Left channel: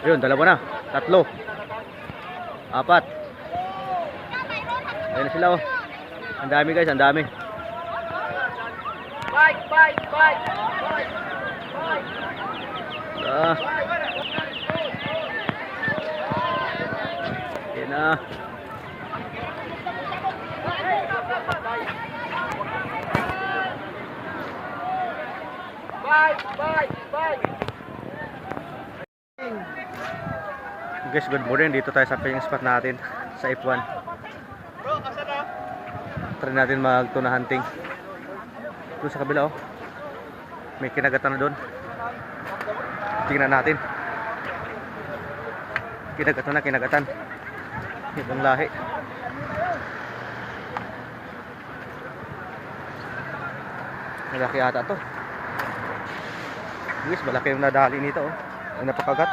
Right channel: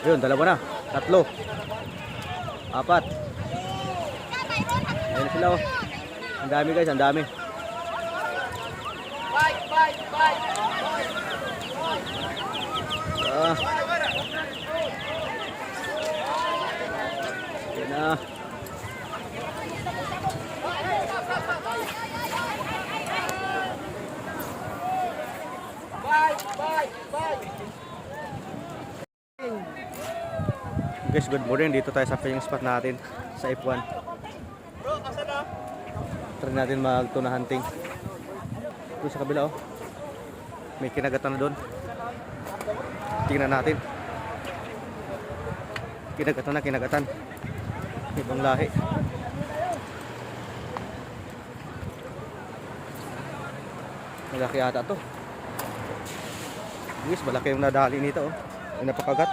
Ayun, dalawa na. Tatlo. Apat. Ayun na sila oh. Ang dami guys, ang dami. Yan na. Guys, good morning. Dito tayo sa fishing spot natin sa F1. Bro, asa na? Try natin mag-tuna hunting. Doon sa kabila oh. May kinagatan na doon. Tingnan natin. Kinagatan na, kinagatan. Ibang lahi. Malaki ata to. Yes, malaki yung nadali nito oh. Ay napakagat.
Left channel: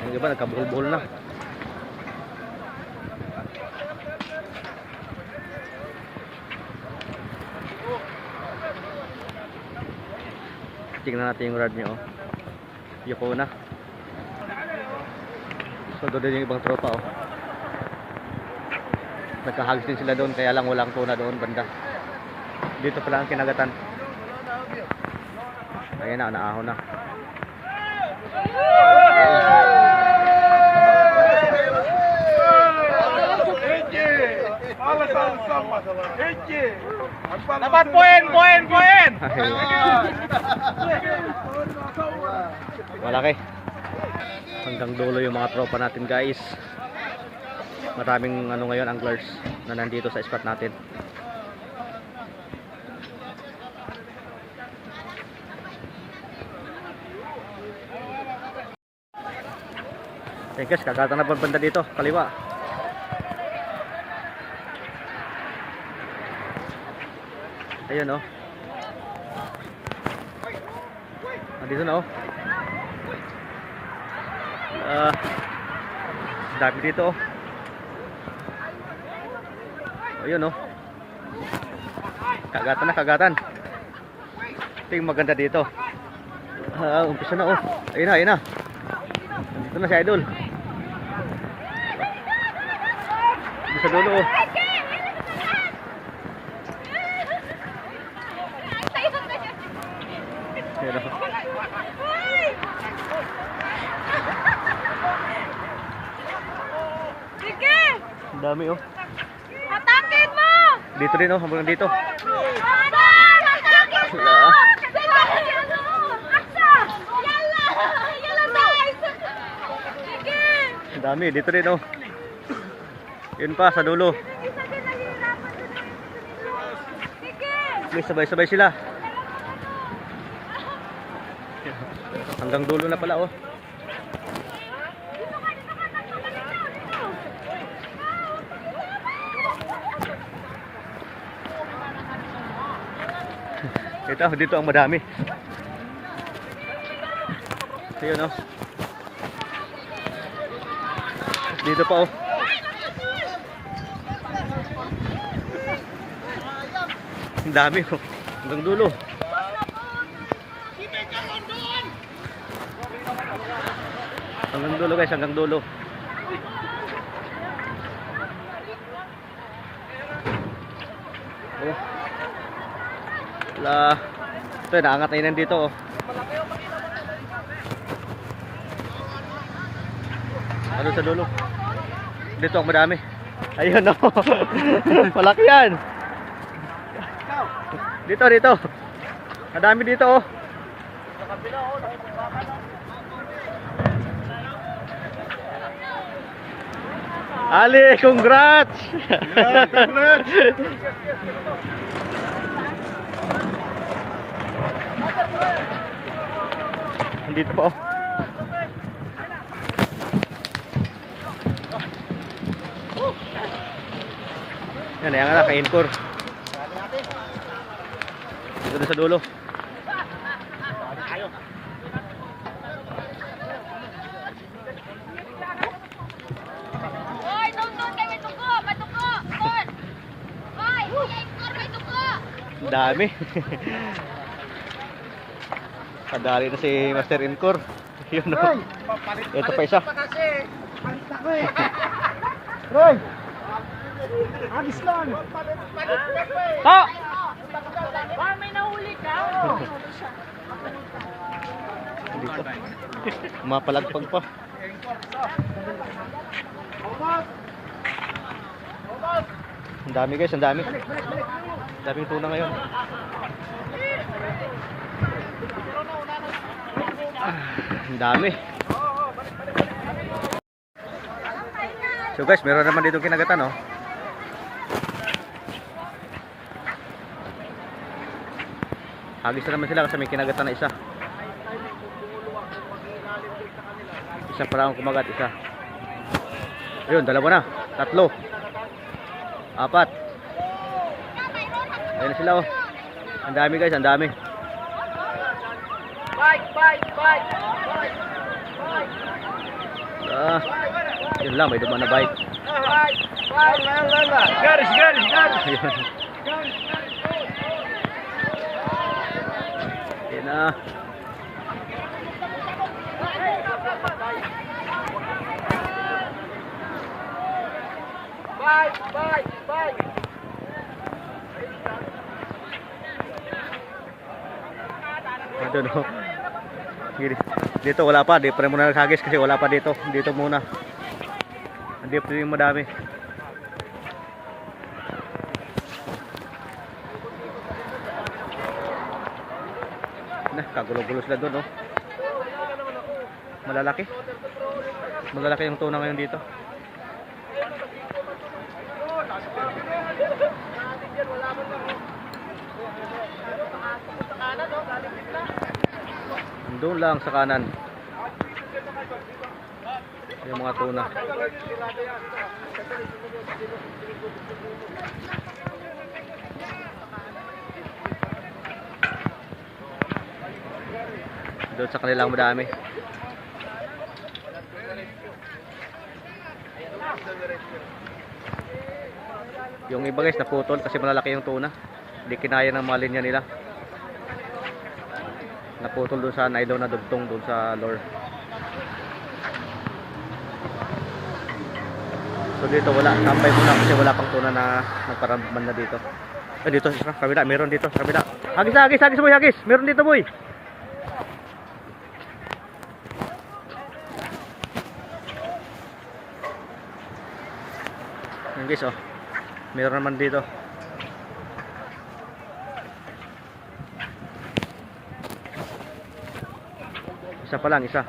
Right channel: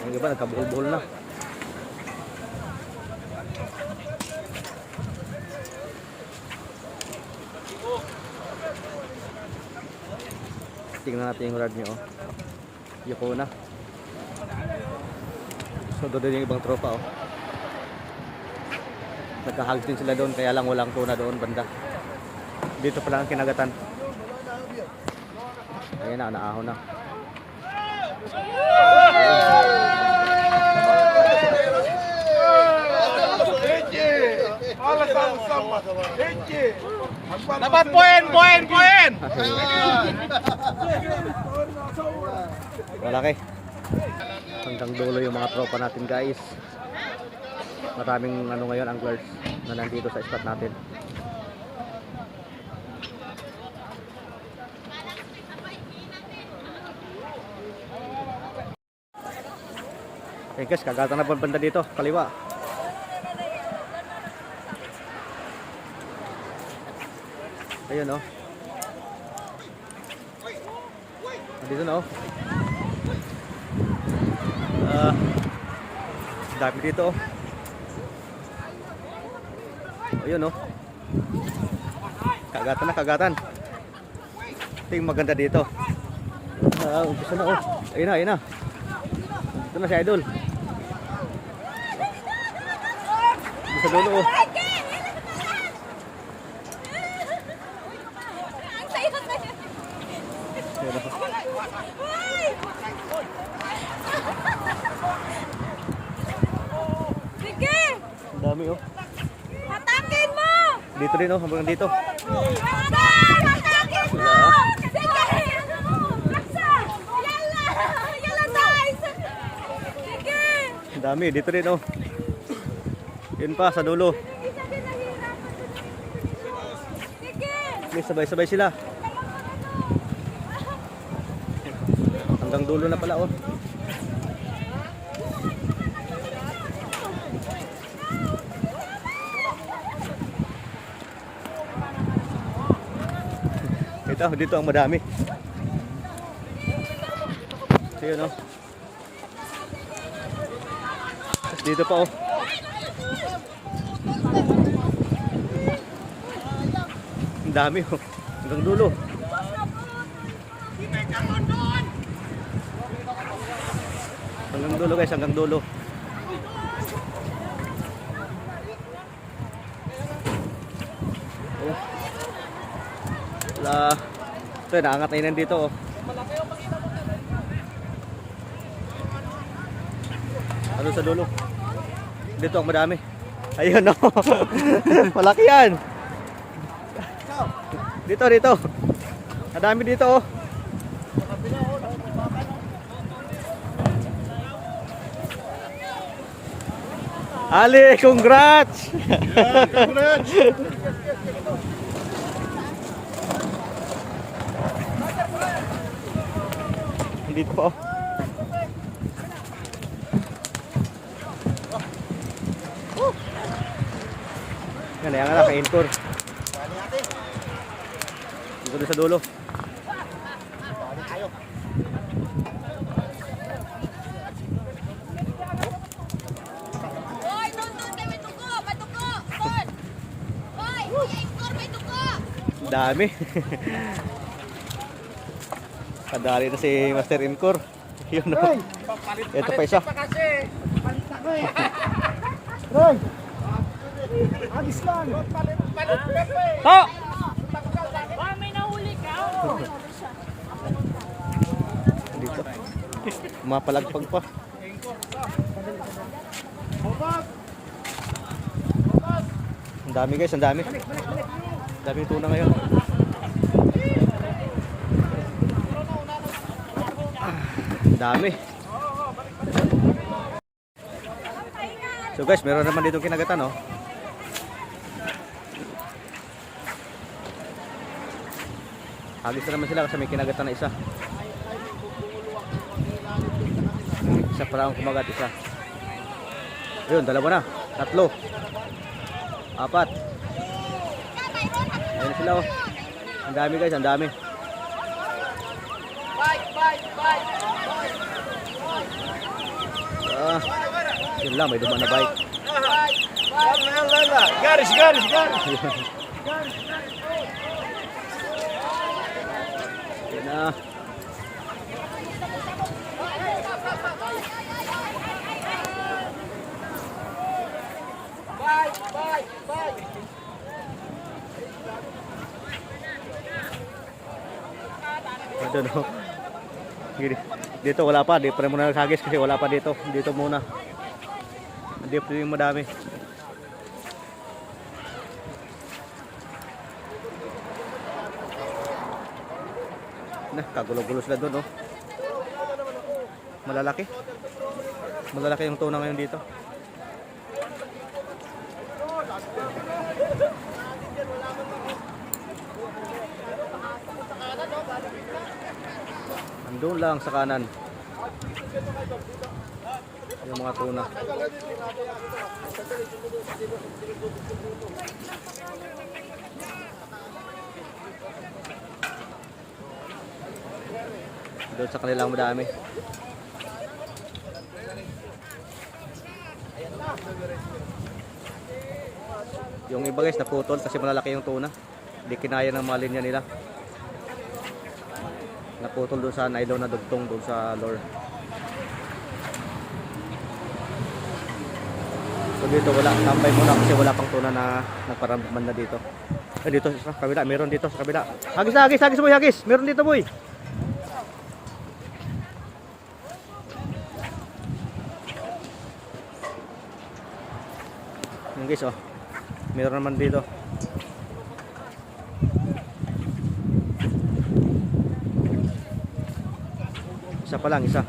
Yung iba nagkabuhol-buhol na. Tingnan natin yung rod niya oh. Yuko na. So doon yung ibang tropa oh. Nagkahagis din sila doon, kaya lang walang tuna doon banda. Dito pala ang kinagatan. Ayan na, naahon na. Dapat poin. Malaki. Hanggang dulo yung mga tropa natin guys. Maraming ngayon anglers na nandito sa spot natin. Okay guys, kagatan na banda dito, kaliwa. Ayun oh. Dito na oh. Dami dito oh. Ayun oh. Kagatan na, kagatan. Ito yung maganda dito. Umpisa na oh. Ayun na. Nandito na si Idol. Sa dulo oh. Ayan oh. Ang dami oh. Tatantin mo! Dito rin oh, hanggang dito. Ang dami, dito rin oh. Yun pa, sa dulo. May sabay-sabay sila. Hanggang dulo na pala oh. Dito ang madami. Ayun oh. Dito pa oh. Ang dami oh. Hanggang dulo. Hanggang dulo guys, hanggang dulo. Oh. Wala. Ito, naangat na yun dito oh. Ano sa dulo? Dito ang madami. Ayun oh. Malaki yan. Dito. Madami dito oh. Ali, congrats! Congrats! Dito po. Yan, yan nga, ka-encore. Dito na sa dulo. Dami. Kadali na si Master Incor. Yun o. Ito pa isa. Roy! Agis lang! Ha! Baka may nahuli ka. Dito. Mapalagpag pa. Ang dami guys, ang dami. Daming tuna ngayon. Ang dami. So guys, meron naman dito kinagatan, oh. Hagis na naman sila kasi may kinagatan na isa. Isa pa lang kumagat, isa. Ayun, dalawa na. Tatlo. Apat. Ayun na sila, oh. Ang dami guys, ang dami. Yun lang, may dumaan na bike. Garis! Ayun. Yan na. Doon, oh. Dito wala pa, di pa rin muna naghagis kasi wala pa dito. Dito muna. Dito yung madami. Nah, kagulo-gulo sila doon, oh. Malalaki. Malalaki yung tuna ngayon dito. Andun lang sa kanan. Yung mga tuna. Doon sa kanilang madami. Yung iba guys naputol kasi malalaki yung tuna. Hindi kinaya ng mga linya nila. Naputol doon sa nylon na dugtong doon sa lure. So dito wala, tambay muna kasi wala pang tuna na nagparamban na dito. Dito sa kabila, meron dito sa kabila. Hagis boy, hagis. Meron dito boy. Yan guys, oh. Meron naman dito. Isa pa lang, isa.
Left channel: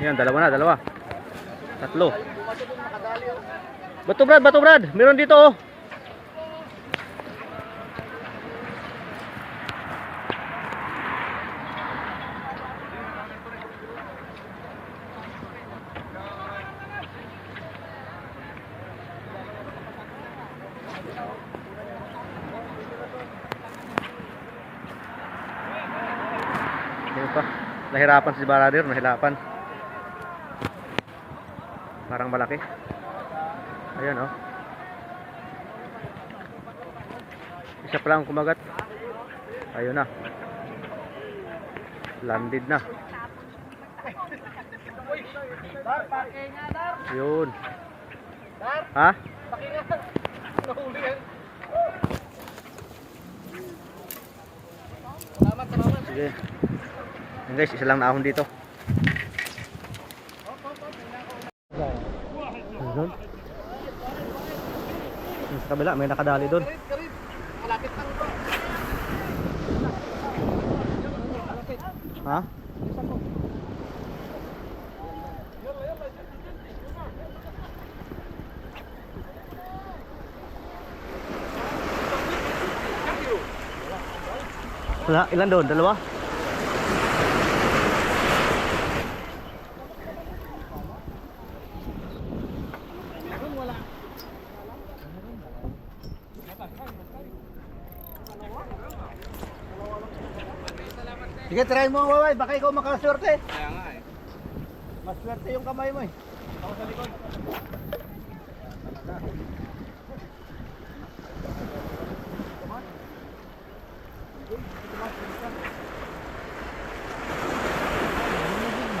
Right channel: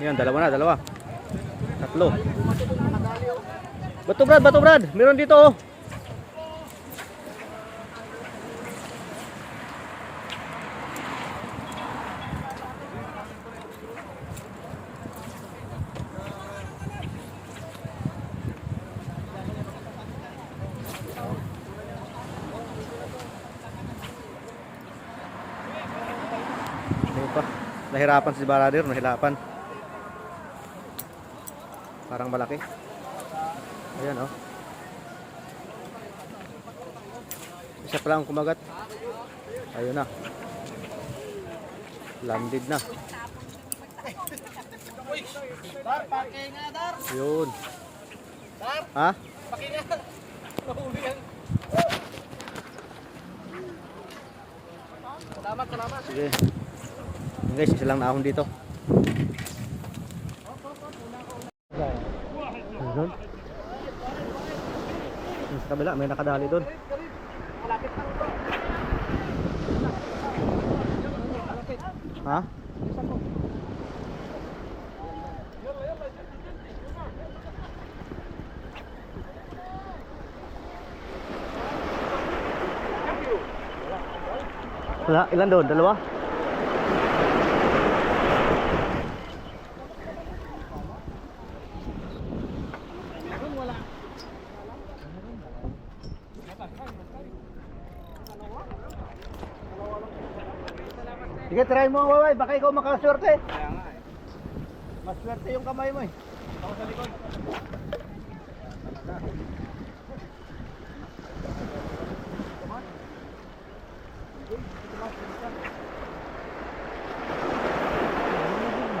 Yan, dalawa na, dalawa. Tatlo. Bato Brad. Meron dito, oh. Ano pa? Nahirapan si Baradir, nahirapan. Parang malaki. Ayan, oh. Isa pa lang kumagat. Ayun na. Landed na. Dar, pake nga, Dar! Yun. Dar, Ha? pake nga! Nahuli yan! Salamat. Sige. Yan guys, isa lang na ahon dito. Doon. Sa kabila, may nakadali doon. Malapit lang ito. Ha? Wala, ilan doon? Dalawa? Sige, try mo, Waway. Baka ikaw makaswerte. Kaya nga eh. Maswerte yung kamay mo eh. Ako sa likod. Come on.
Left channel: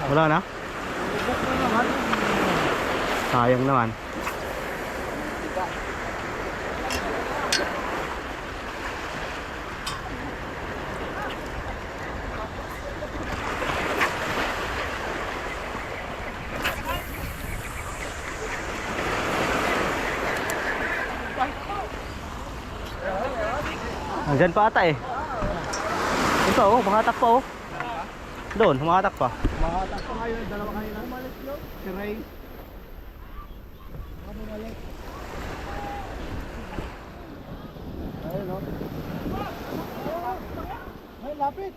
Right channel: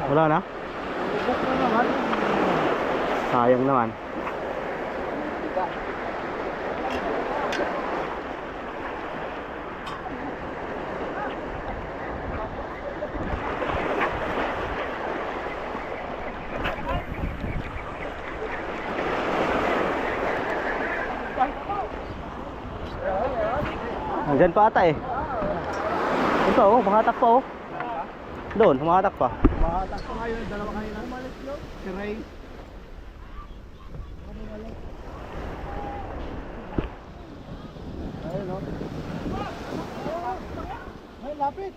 Wala na? Ubok na naman. Sayang naman. Andyan pa ata eh. Ito oh, makatak pa oh. Doon, makatak pa. Mahatak pa ngayon, dalawa kayo na. Umalis yun. Si Ray. Ayun o. Ay, lapit.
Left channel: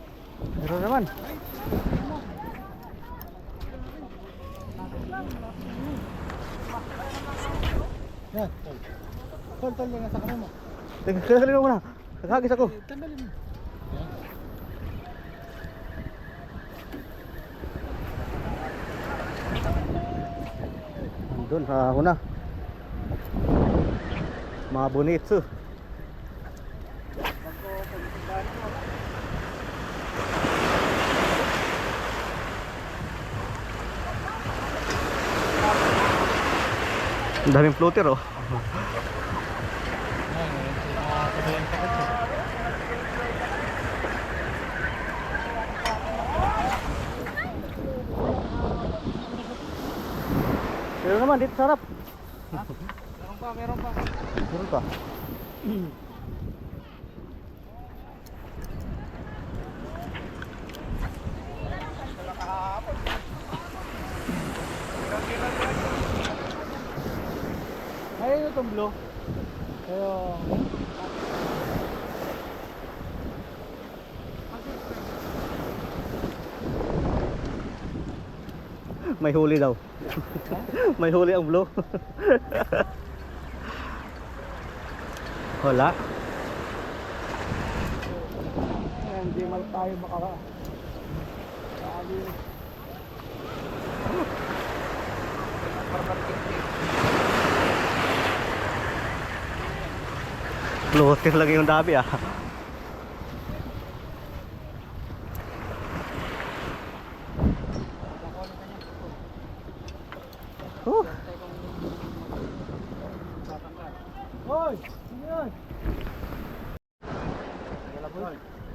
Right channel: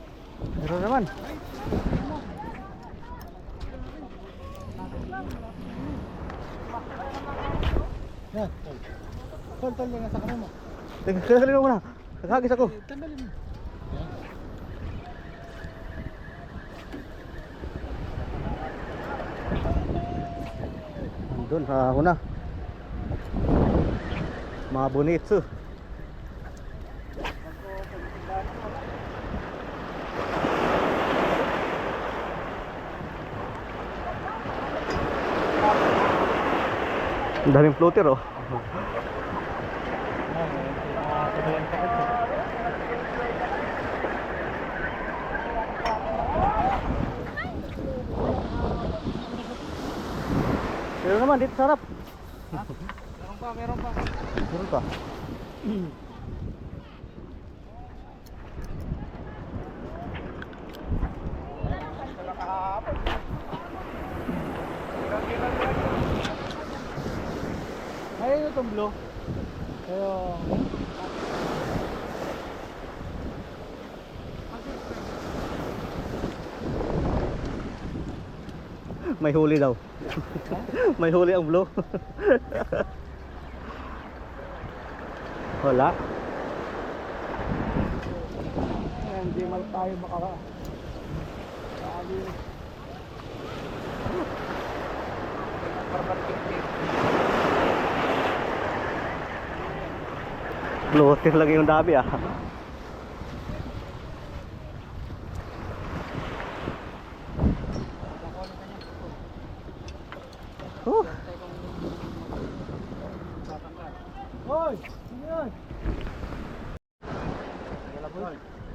Meron naman. Yan. Tol, yung nasa kamay mo. Tanggalin mo muna. Naghagis ako. Tanggalin mo. Doon, ako na. Mga bonitso. Ang daming floater oh. Meron naman dito sa harap. Meron pa. Meron pa. Ayun itong blue. Ayun. May huli daw. May huli ang blue. Wala. Ayan, hindi man tayo makaka. Floater lagi yung dami ah. Oh. Hoy! Ano yan?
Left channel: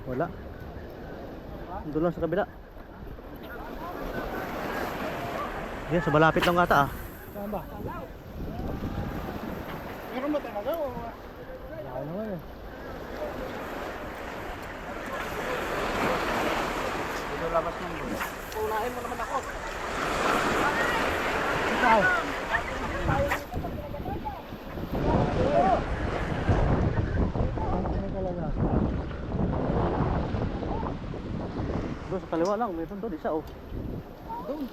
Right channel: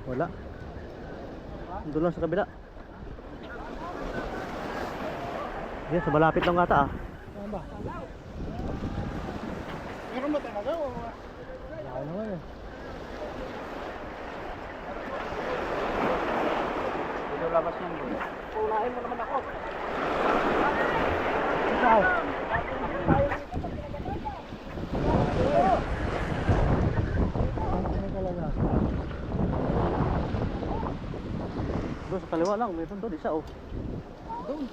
Wala. Doon lang sa kabila. Yan, sa malapit lang ata ah. Saan ba? Meron ba talaga o? Wala naman eh. Dito labas ng doon. Unahin mo naman ako. Ikaw. Ano talaga? Doon sa kaliwa lang, meron doon isa oh. Doon.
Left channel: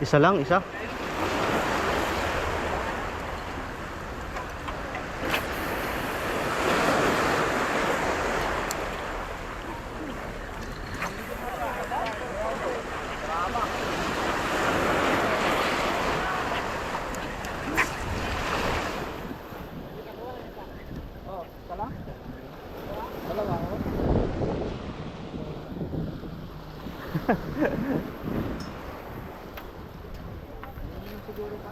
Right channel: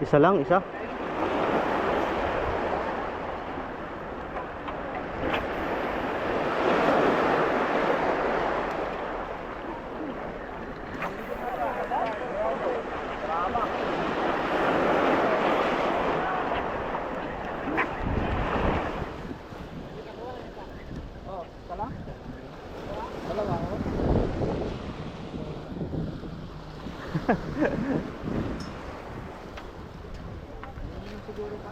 Isa lang, isa. Oh, tala? Dalawa ako. Siguro pa.